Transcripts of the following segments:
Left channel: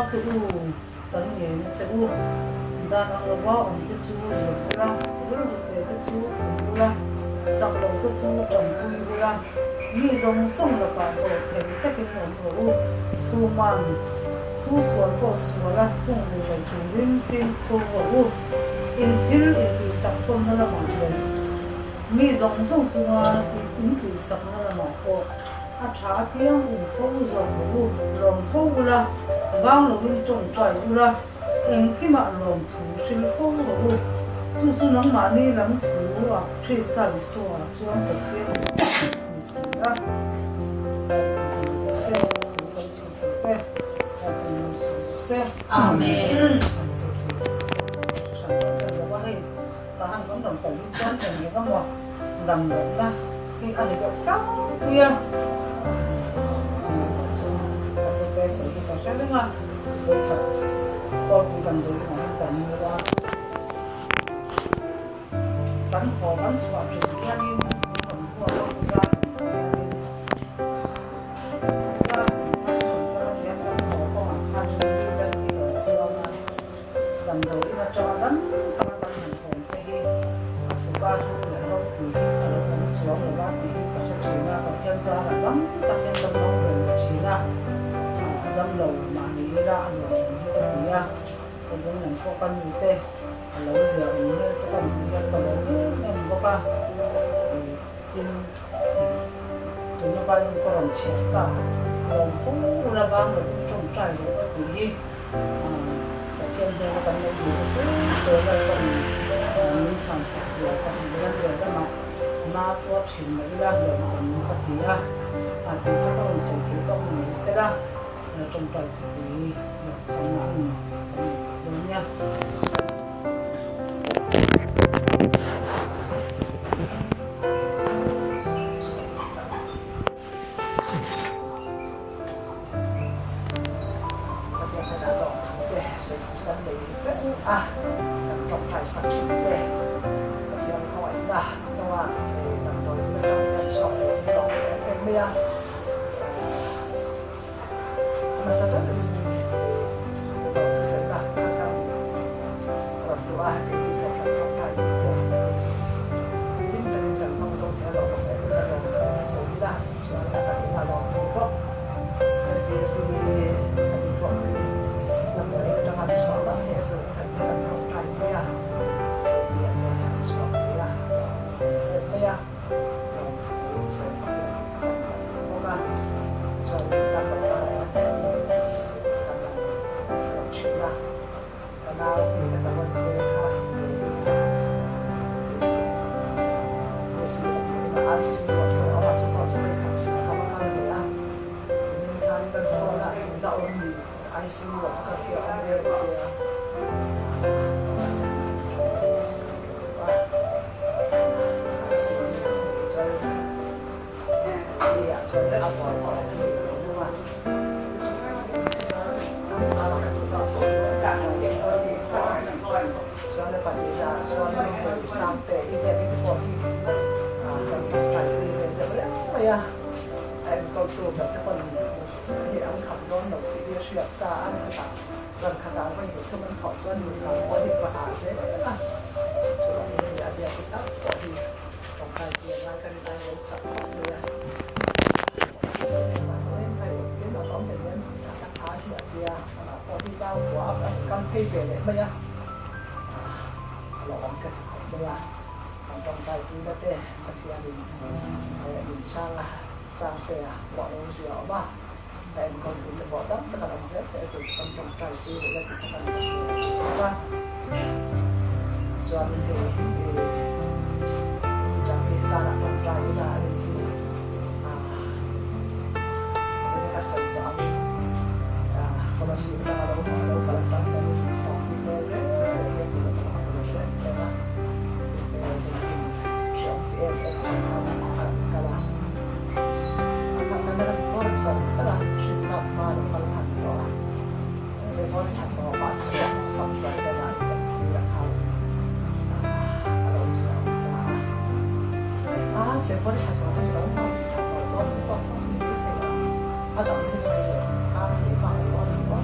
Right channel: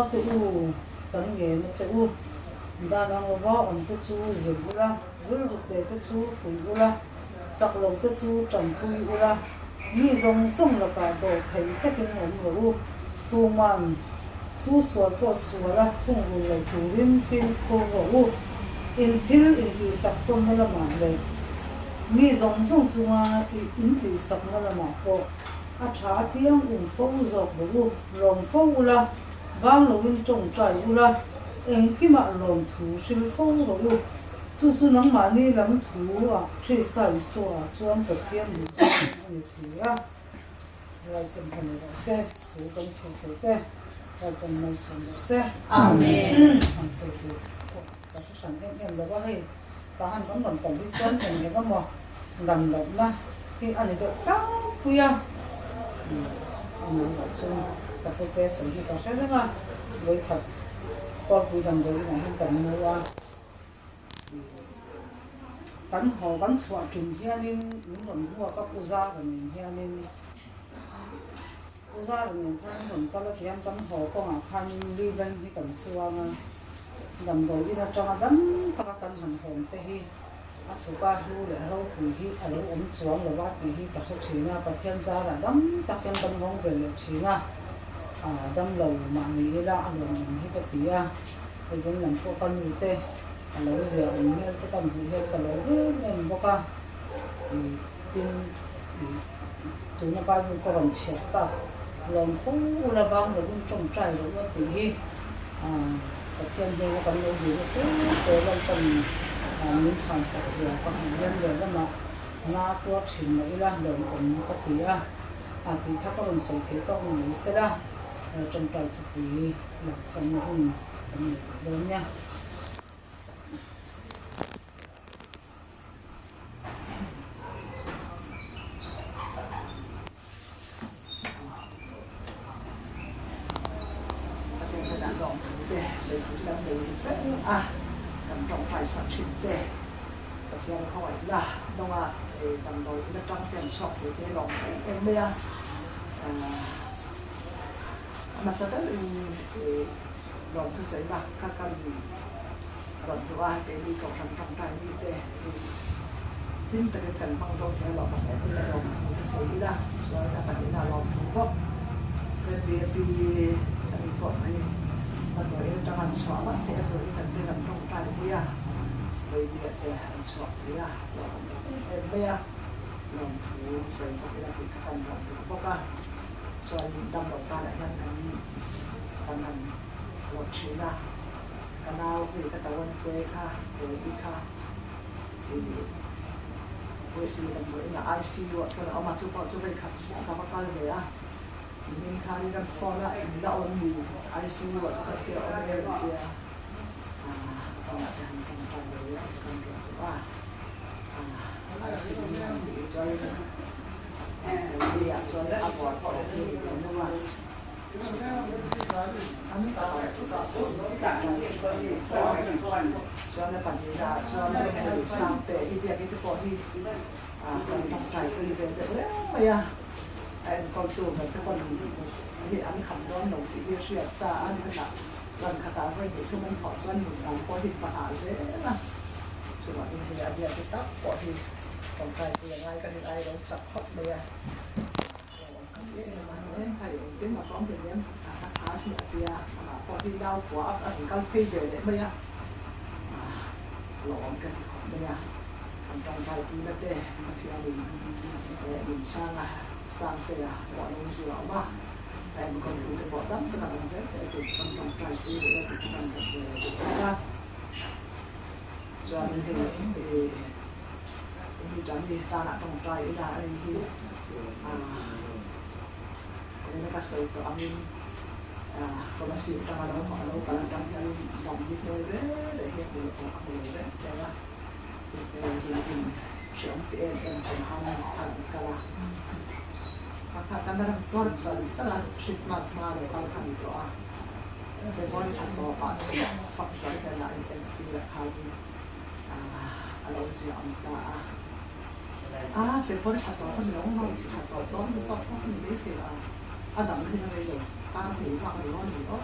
bao cái tấn nghề nó sẽ đa năng là bao ông cái chú dùng la vừa cái chú dùng la sạc lâu cái chú trồng cùi la như giống sông là cả đồ thấy tất cả những người tu man tu suan có suan la thung người này tu rin pin cô vợ in thil in thì sạc tôn nó là mảng này như giống chúng ta in thì sạc nó là mảng cô thả tiếng phô dòng lồng phô la vang lồng bên trong trái la em khi mà lồng thủ trên phô chú nắng mà đi làm thủ khi sai xóa cho anh thực hiện mình xí á đại diện của xe thủ công trình của xe đại diện mình xe amen anh sẽ sản phẩm cái đó hay ta ăn cũng làm cảnh đi chân thì những cái mỏ làm động la khi ăn được trắng khuya các cái test sử dụng các cái đó với thật có cụ đầm đối mà hiện tại như là bắn hồ bắn sọt trường kia như những đồng hoa đó của gia đình kia như gia đình thân mình có là chị em bắn hồ có hàng khăn như bên như ở xưa mà đầm đối mà cho bắn các tâm hình hồn cái hi số ba thu là đâu thì hi ở đâu bắn xuống là ba thì hi cả số chỉ là cả thiên gia là đấm tăng nhân tâm nông về chỉ là đâm lầu mà nghĩ ra rồi như cái gì à thì cũng làm có con như thế lẩu dẻo như cái con như cái lẩu em có con thì tin chúng nó bao nhiêu con chết ta lòng phú là bao là cũng trồng trái rồi có tí hi cái thiên nhiên nó còn lâu nhiều cái tôi là còn những sản sản dẻo còn nhân rồi đó mà na tua chín mấy là lượng còn có tí à thì các con sẽ thấy con mình sẽ ra trong trái thì là không đúng nha. Sẽ cũng vấn đề nằm trong trái sạch sinh tế thì anh không ảnh là đâu thì nằm rồi thì trong cái sọt thì đó em bây giờ masalah ini waktu saya akan waktu ini kalau kan ini kan langsung kalau kalau saya soalnya kan ini waktu kok jadi kami kok ini nanti dengan suara itu kan dia dia suara dia saya pakai apa soal tentang là và nào thì cái tàu quân về ha thì sự là ai xin gọi sau đó mà chúng ta cho mình khách sĩ các bác anh đấy à mình tham gia con là em đạo ơn gì ai xin gọi cho các kiểu ông ấy rồi ai xin để cho đi ăn cho nó ăn ngon phải thì đúng không ạ soalnya pada soalnya sampai ide itu kopi kan pakai ide apa ya kau tu berarti kon ini ang kamnon no video siat saan kata dan kata apa itu man kau soal bukan kopi bahasa lah coba ini ada kita kopi pakai dia kan kita yang sakit dia cái mà có thể đến các á sẽ kia mà có đi đau quá thì con phi về đấy bây giờ lỏng cái bây giờ trong tay đi là thế cái gì anh mình sang về bỏ lông dẻo mà em còn cũng bỏ đấm cái làm rét để tụi trong tay đi là tụi con làm cho nên thì chẳng thì ta đã trong tay là thì kasih itu amin kalau sih kita ada kalau kalau kan topik mereka yang boleh kalau aku boleh ya jadi siapa yang jangan kalau akan ada kuat salah sistem mana kalau kan doa depan atau baca fungsi dan tidak hal kalau Islam depan atau apa yang mau atau apa yang ada những người ta thì bằng nó thì có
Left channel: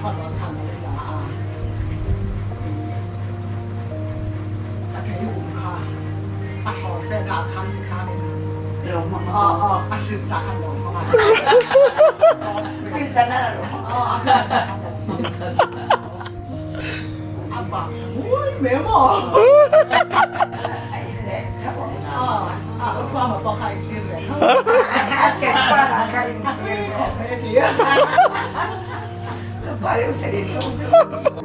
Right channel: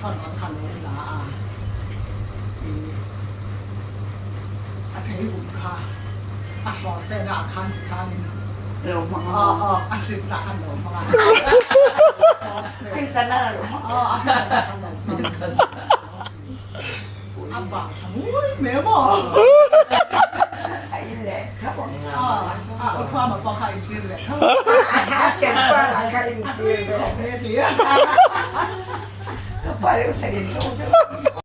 看我看我啦啊，啊睇胡卡，啊學聲啊看看你，老媽哦哦，啊是咋路嘛？先真啦，老媽。哦啊，阿爸，喂咩喎？係咧，佢講啦。啊啊，我翻咪幫佢啲咧。食飯啦，佢唔知喎。咩啲啊？快啲食完咗。